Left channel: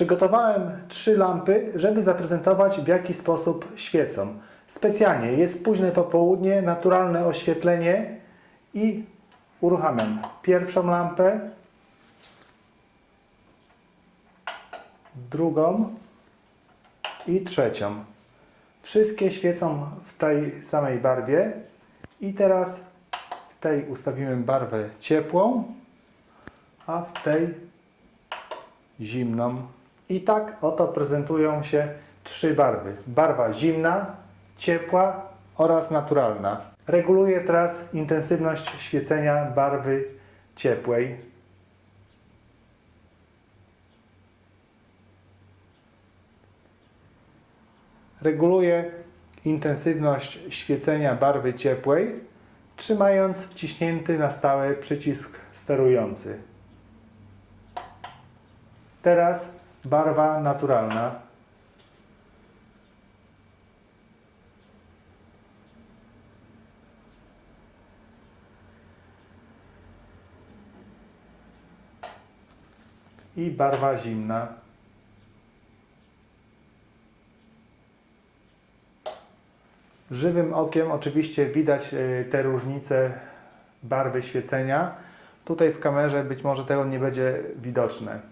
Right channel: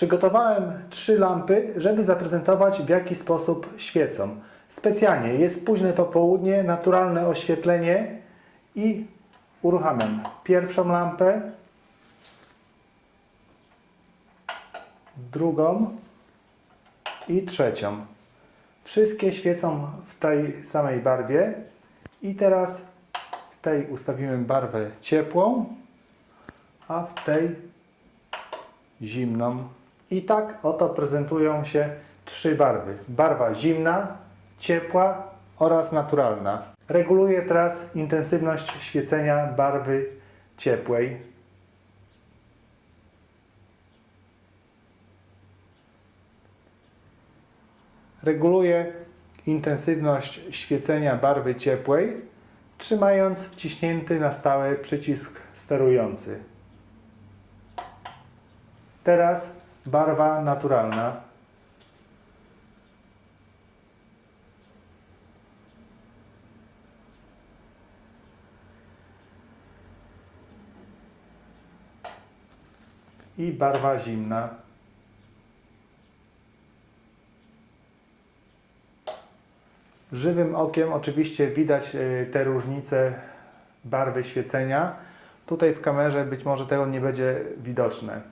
Przygotowałem trzy lampy, żeby zaprezentować w jaki sposób świecą. Specjalnie jest późne popołudnie, naturalne oświetlenie i uruchamiam pierwszą lampę, drugą i trzecią. Wszystkie świecą w tej samej barwie i teraz w tej ustawimy barwę ciepłą, a w tej zimną. I tak oto prezentują się trzy barwy. Barwa zimna, ciepła oraz naturalna. Reguluję teraz intensywność świecenia barwy ciepłej. Reguluję intensywność świecenia barwy ciepłej, trzymając wciśnięty na stałe przycisk sterujący. Teraz barwa naturalna. I barwa zimna. Żywym okiem oczywiście widać e, te różnice barwy świecenia. Tutaj w kamerze być może tego nie będzie widoczne.